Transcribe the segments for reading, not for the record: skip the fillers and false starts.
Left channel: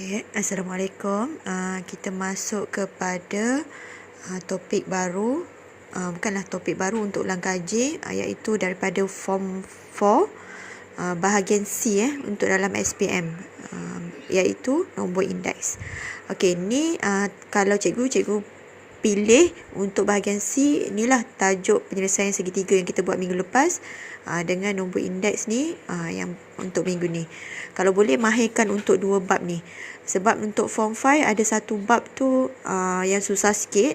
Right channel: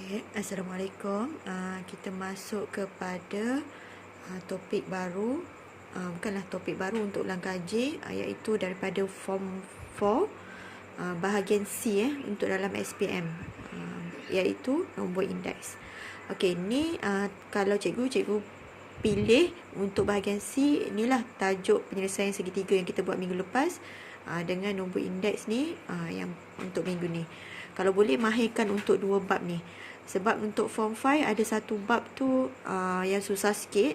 Okay, Assalamualaikum. Kita masuk kepada topik baru. Bukanlah topik baru untuk ulang kaji, iaitu daripada Form 4 bahagian C untuk dalam SPM, iaitu nombor indeks. Okey, ni kalau cikgu pilih untuk bahagian C, inilah tajuk penyelesaian segitiga yang kita buat minggu lepas dengan nombor indeks ni yang untuk minggu ni. Kalau boleh mahirkan untuk 2 bab ni. Sebab untuk Form 5 ada satu bab tu yang susah sikit,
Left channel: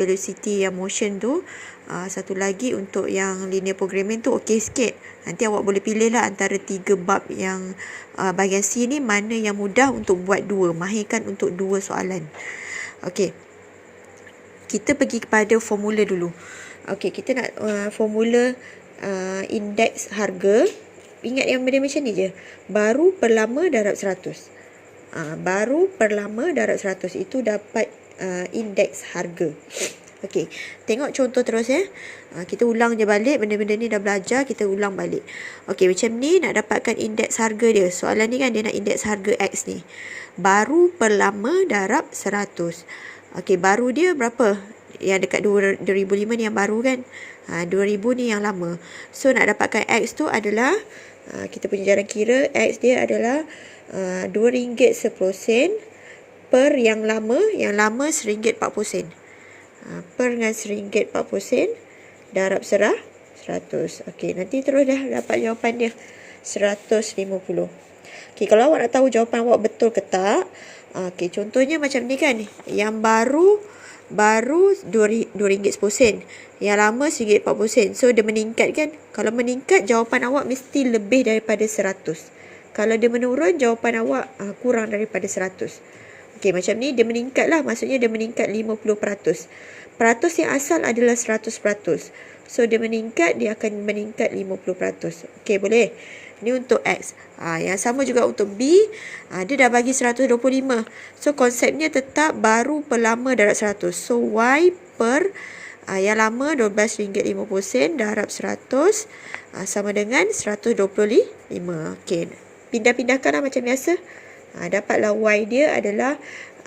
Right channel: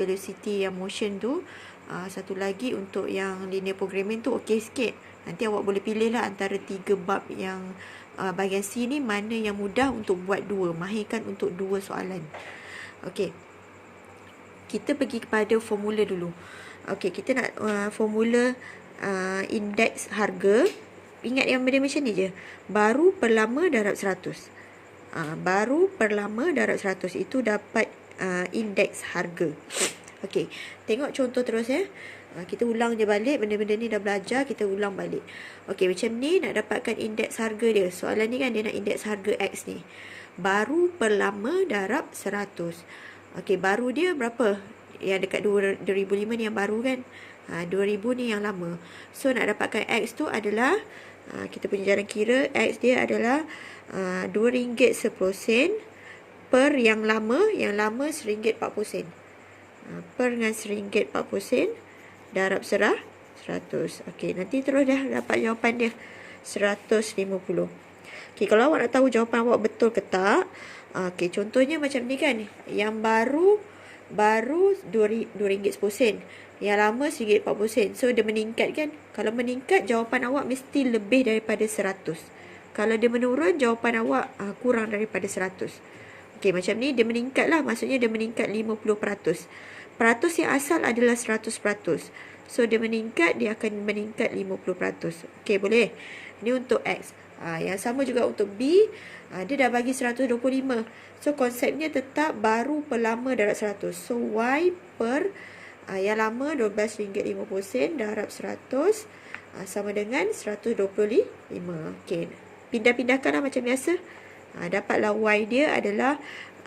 velocity yang motion tu. Satu lagi untuk yang linear programming tu okey sikit. Nanti awak boleh pilih lah antara 3 bab yang bahagian C ni mana yang mudah untuk buat 2, mahirkan untuk 2 soalan. Okey, kita pergi kepada formula dulu. Okey, kita nak formula indeks harga. Ingat yang benda macam ni je. Baru per lama darab 100. Baru per lama darab 100 itu dapat indeks harga. Okey, tengok contoh terus ya. Kita ulang je balik, benda-benda ni dah belajar, kita ulang balik. Okey, macam ni nak dapatkan indeks harga dia. Soalan ni kan dia nak indeks harga X ni. Baru per lama darab 100. Okey, baru dia berapa? Yang dekat 2005 ni yang baru kan? 2000 ni yang lama. So nak dapatkan X tu adalah kita punya jaran kira, X dia adalah RM2 10% per yang lama RM1.40. Per dengan RM1.40 darab 100. Okey, nanti terus dah dapat jawapan dia 150. Okey, kalau awak nak tahu jawapan awak betul ke tak, okey, contohnya macam ni kan. Yang baru RM2.10. Yang lama RM1.40. So dia meningkat kan. Kalau meningkat, jawapan awak mesti lebih daripada 100. Kalau dia menurun, jawapan awak kurang daripada 100. Okey, macam ni dia meningkat lah. Maksudnya dia meningkat 50%. Peratus yang asal adalah 100%. So dia meningkat, dia akan meningkat 50%. Okey, boleh. Ini untuk X. Yang sama juga untuk B. Dia dah bagi 125. So konsepnya tetap baru per lama darab 100. So Y per yang lama RM12.50 darab 100 sama dengan 125. Okey, pindah-pindahkan lah macam biasa. Dapatlah Y dia adalah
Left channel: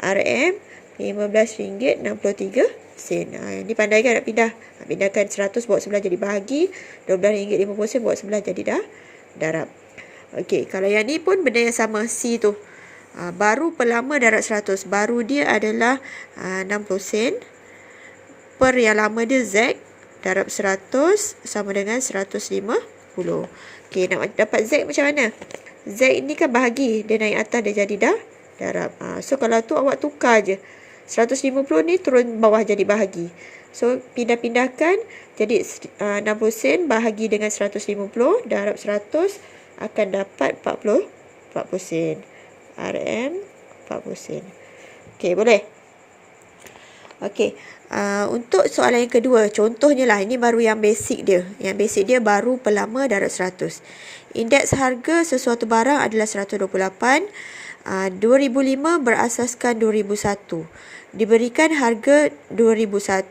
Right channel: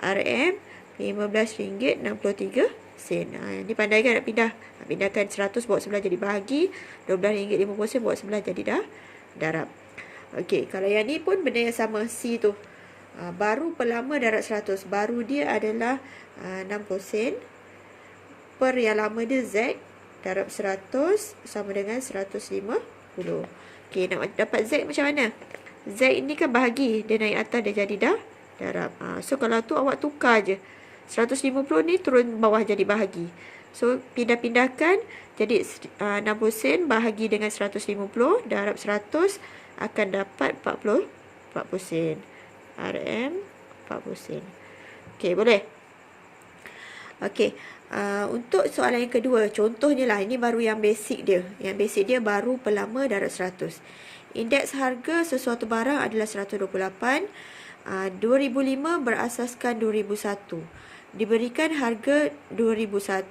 RM RM15.63. Ini pandai kan nak pindah. Pindahkan 100 bawa sebelah jadi bahagi, RM12.50 bawa sebelah jadi darab. Okey, kalau yang ni pun benda yang sama, C tu. Baru per lama darab 100. Baru dia adalah 60 sen. Per yang lama dia Z darab 100 sama dengan 150. Okey, nak dapat Z macam mana? Z ini kan bahagi, dia naik atas dia jadi darab. So kalau tu awak tukar je. 150 ni turun bawah jadi bahagi. So pindah-pindahkan jadi 60 sen bahagi dengan 150 darab 100 akan dapat 40 sen. RM 40 sen. Okey, boleh? Okey. Untuk soalan yang kedua, contohnya lah, ini baru yang basic dia. Yang basic dia baru per lama darab 100. Indeks harga sesuatu barang adalah 128. 2005 berasaskan 2001. Diberikan harga 2001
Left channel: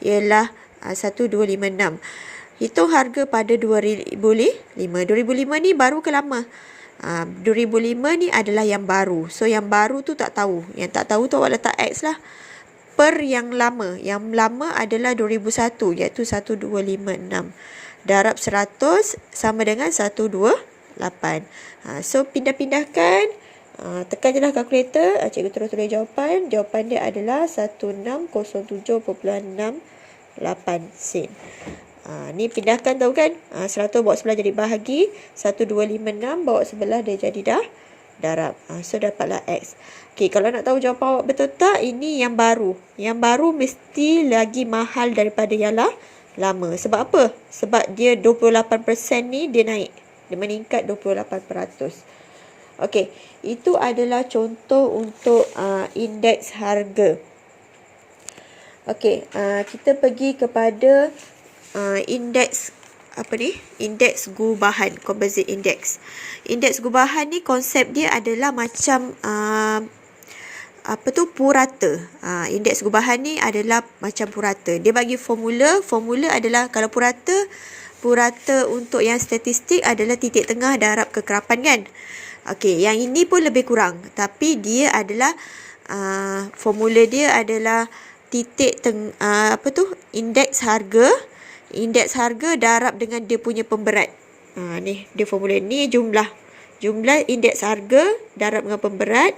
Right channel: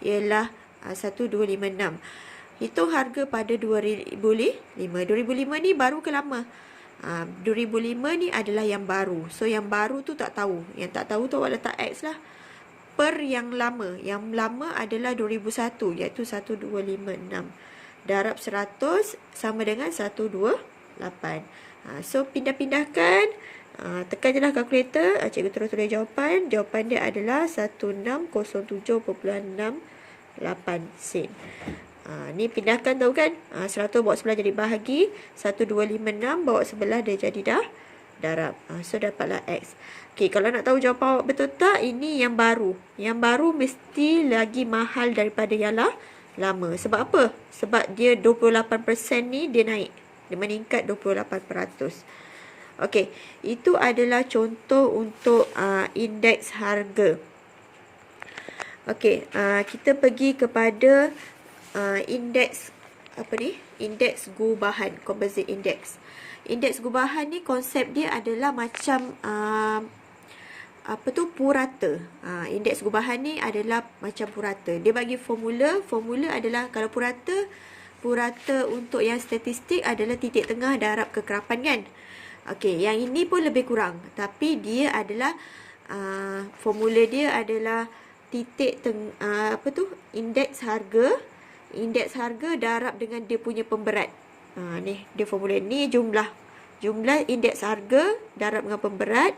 ialah 1256. Hitung harga pada 2005. 2005 ni baru ke lama? 2005 ni adalah yang baru. So yang baru tu tak tahu. Yang tak tahu tu awak letak X lah. Per yang lama. Yang lama adalah 2001, iaitu 1256. Darab 100 sama dengan 128. So pindah-pindahkan. Tekan je lah kalkulator. Cikgu terus tulis jawapan. Jawapan dia adalah 1607.68 sen. Ni pindahkan tahu kan. 100 bawa sebelah jadi bahagi. 1256 bawa sebelah dia jadi darab. So dapatlah X. Okey, kalau nak tahu jawapan awak betul tak, ini yang baru. Yang baru mesti lagi mahal daripada yang lama. Sebab apa? Sebab dia 28% ni dia naik. Dia meningkat 28%. Okey, itu adalah contoh untuk indeks harga. Okey, kita pergi kepada indeks indeks gubahan, composite index. Indeks gubahan ni konsep dia adalah macam purata. Indeks gubahan ni adalah macam purata. Dia bagi formula adalah kalau purata untuk yang statistik adalah titik tengah darab kekerapan kan. Okey, yang ini pun lebih kurang. Tapi dia adalah formula dia adalah indeks harga. Indeks harga darab dengan dia punya pemberat. Ni dia formula ni jumlah indeks harga darab dengan pemberat.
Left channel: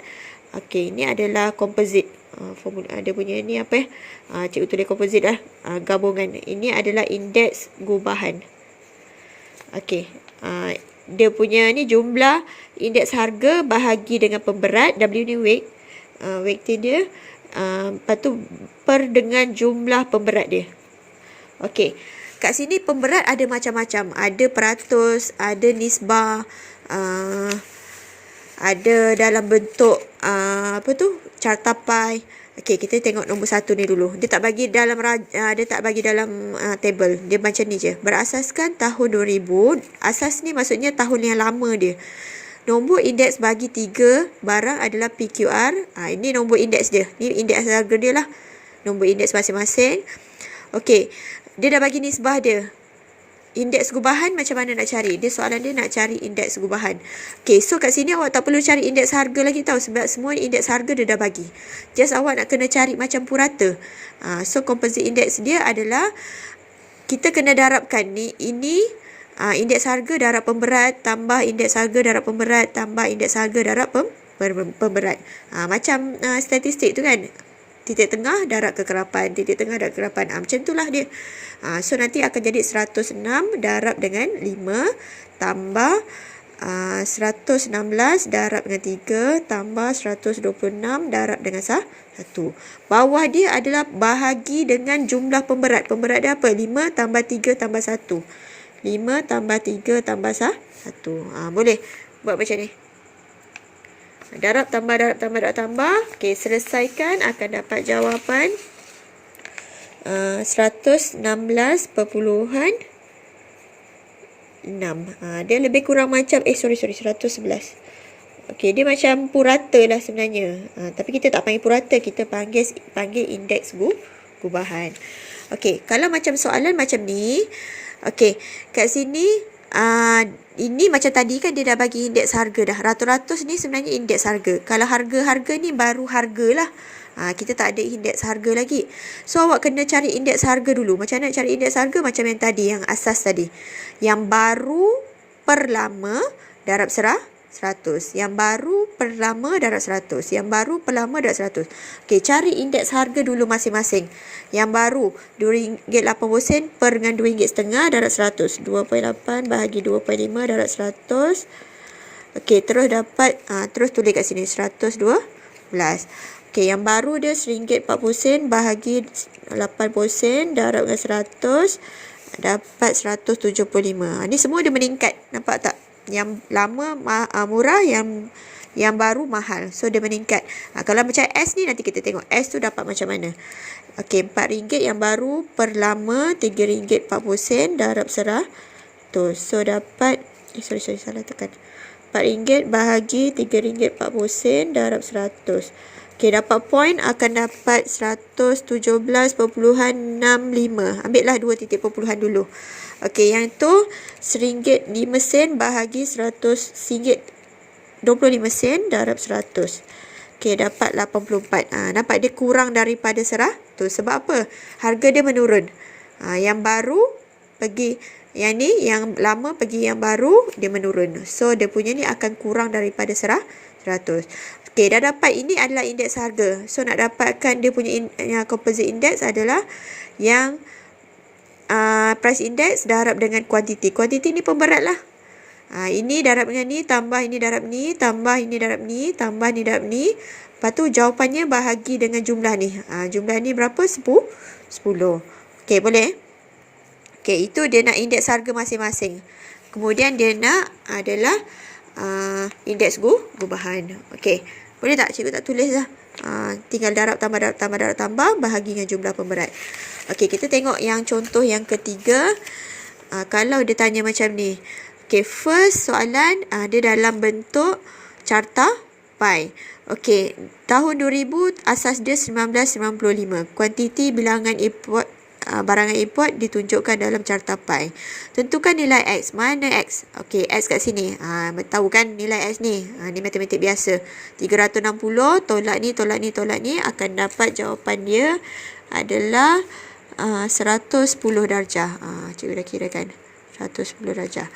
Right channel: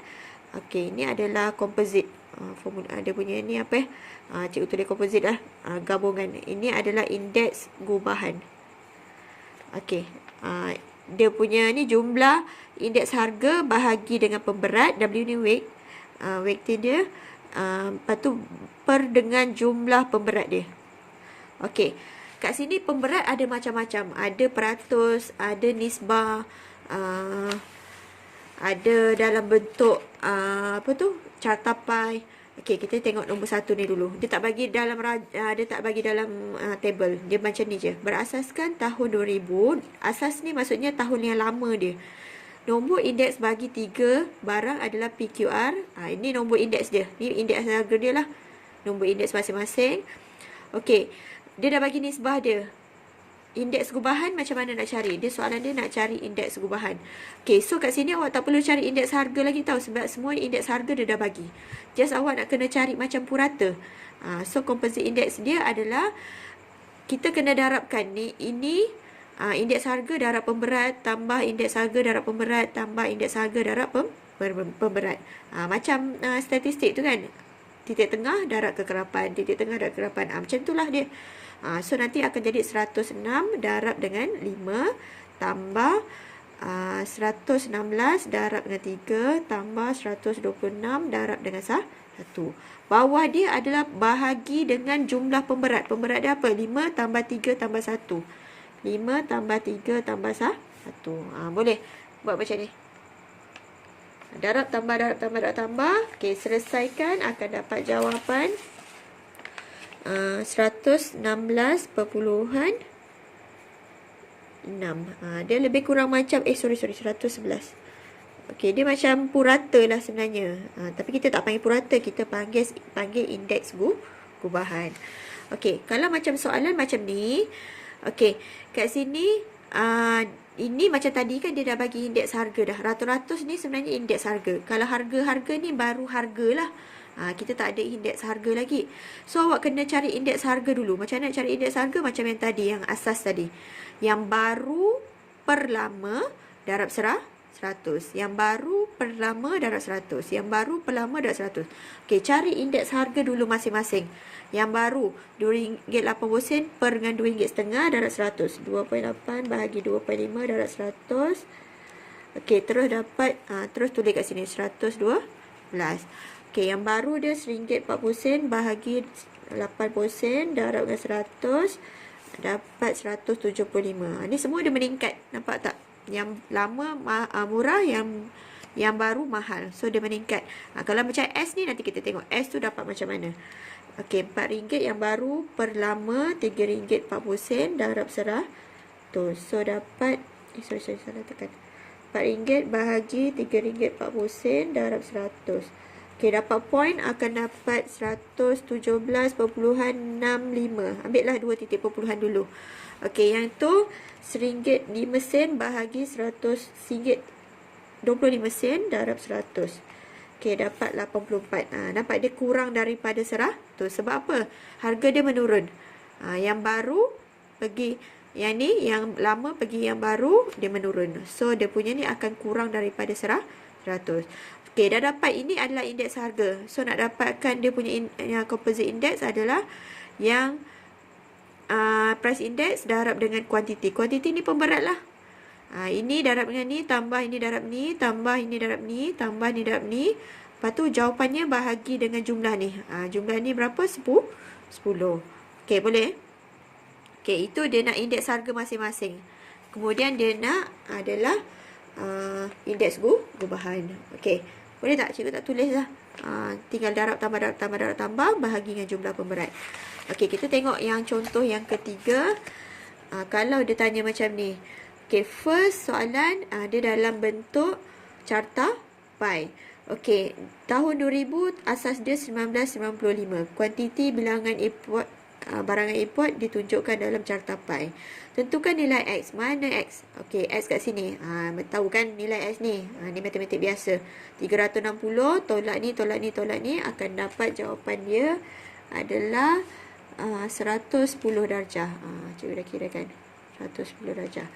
Okey, ini adalah composite. Formula dia punya ni apa cikgu tulis composite lah. Gabungan. Ini adalah indeks gubahan. Okey. Dia punya ni jumlah indeks harga bahagi dengan pemberat. W ni weight. Weight dia. Lepas tu per dengan jumlah pemberat dia. Okey. Kat sini pemberat ada macam-macam. Ada peratus, ada nisbah, ada dalam bentuk carta pie. Okey, kita tengok nombor 1 ni dulu. Dia tak bagi dalam table. Dia macam ni je. Berasaskan tahun 2000. Asas ni maksudnya tahun yang lama dia. Nombor indeks bagi 3 barang adalah PQR. Ini nombor indeks dia. Ni indeks harga dia lah. Nombor indeks masing-masing. Okey, dia dah bagi nisbah dia. Indeks gubahan macam mana nak cari? Dia soalan dia nak cari indeks gubahan. Okey, so kat sini awak tak perlu cari indeks harga lagi tau. Sebab semua indeks harga dia dah bagi. Just awak nak kena cari macam purata. So composite index dia adalah kita kena darabkan ni. Ini indeks harga darab pemberat tambah indeks harga darab pemberat tambah indeks harga darab pemberat. Macam statistik tu kan. Titik tengah darab kekerapan, titik tengah darab kekerapan. Macam itulah dia. So nanti akan jadi 106 darab dengan 5 tambah 116 darab dengan 3 tambah 126 darab dengan 1. Bawah dia adalah bahagi dengan jumlah pemberat. Pemberat dia apa? 5 tambah 3 tambah 1. 5 tambah 3 tambah 1. Boleh buat macam ni. Darab tambah. Okey, selesaikan akan dapat jawapan 116.6. Dia lebih kurang macam 111. Okey, dia macam purata lah sebenarnya. Tapi kita tak panggil purata, kita panggil indeks gubahan. Okey, kalau macam soalan macam ni, okey, kat sini ini macam tadi kan dia dah bagi indeks harga dah. Ratus-ratus ni sebenarnya indeks harga. Kalau harga-harga ni baru harga lah. Kita tak ada indeks harga lagi. So awak kena cari indeks harga dulu. Macam mana cari indeks harga? Macam yang tadi, yang asas tadi. Yang baru per lama darab 100. Yang baru per lama darab 100. Yang baru per lama darab 100. Okey, cari indeks harga dulu masing-masing. Yang baru RM2.80 per dengan RM2.5 darab 100. 2.8 bahagi 2.5 darab 100. Okey, terus dapat terus tulis kat sini 112. Okey, yang baru dia RM1.40 bahagi 80 darab dengan 100 dapat 175. Ni semua dia meningkat. Nampak tak? Yang lama murah, yang baru mahal. So dia meningkat. Kalau macam S ni nanti kita tengok S tu dapat macam mana. Okey, RM4 yang baru per lama RM3.40 darab 100. So dapat salah tekan. RM4 bahagi RM3.40 darab 100. Okey, dapat point akan dapat 117.65. Ambil lah 2 titik perpuluhan dulu. Okey, yang tu RM1.05 bahagi RM100.25 darab 100. Okey, dapat 84. Nampak dia kurang daripada 100. Sebab apa? Harga dia menurun. Yang baru pergi yang ni, yang lama pergi yang baru, dia menurun. So dia punya ni akan kurang daripada 100. Okey, dah dapat. Ini adalah indeks harga. So nak dapatkan dia punya composite index adalah yang price index darab dengan kuantiti. Kuantiti ni pemberat lah. Ini darab dengan ni, tambah ini darab ni, tambah ini darab ni, tambah ni darab ni. Lepas tu jawapannya bahagi dengan jumlah ni. Jumlah ni berapa? 10. Okey, boleh? Okey, itu dia nak indeks harga masing-masing. Kemudian dia nak adalah indeks gubahan. Okey, boleh tak? Cikgu tak tulis lah. Tinggal darab tambah bahagi dengan jumlah pemberat. Okey, kita tengok yang contoh yang ketiga. Kalau dia tanya macam ni. Okey, first soalan dia dalam bentuk carta pie. Okey, tahun 2000 asas dia 1995. Kuantiti bilangan import barangan import ditunjukkan dalam carta pi. Tentukan nilai X. Mana X? Okey, X kat sini. Tahu kan nilai X ni? Ni matematik biasa. 360 tolak ni, tolak ni, tolak ni akan dapat jawapan dia adalah 110 darjah. Cikgu dah kira kan? 110 darjah.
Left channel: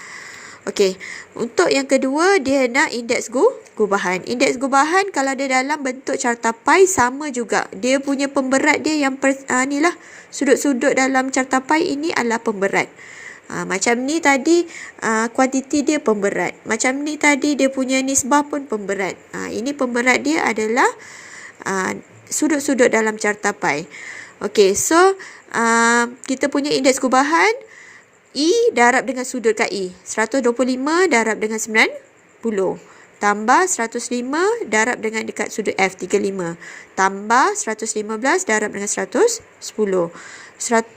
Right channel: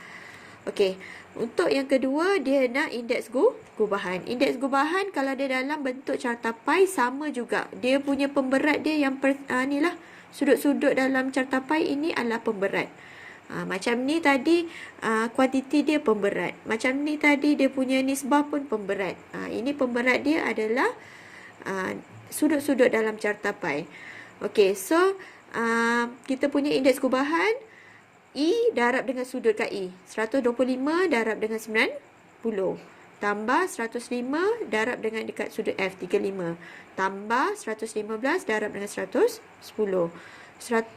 Okey, untuk yang kedua dia nak indeks gubahan. Indeks gubahan kalau dia dalam bentuk carta pi sama juga. Dia punya pemberat dia yang ni lah, sudut-sudut dalam carta pi ini adalah pemberat. Macam ni tadi kuantiti dia pemberat. Macam ni tadi dia punya nisbah pun pemberat. Ini pemberat dia adalah sudut-sudut dalam carta pi. Okey, so kita punya indeks gubahan I darab dengan sudut kat I. 125 darab dengan 90. Tambah 105 darab dengan dekat sudut F, 35. Tambah 115 darab dengan 110.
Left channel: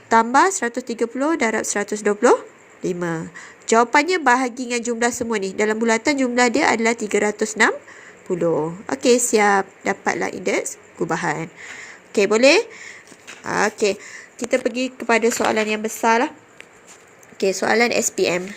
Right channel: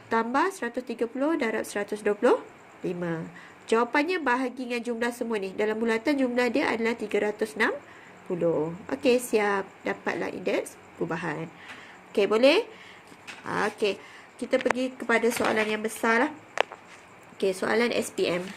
Tambah 130 darab 125. Jawapannya bahagi dengan jumlah semua ni. Dalam bulatan jumlah dia adalah 360. Okey, siap. Dapatlah indeks gubahan. Okey, boleh? Okey, kita pergi kepada soalan yang besar lah. Okey, soalan SPM.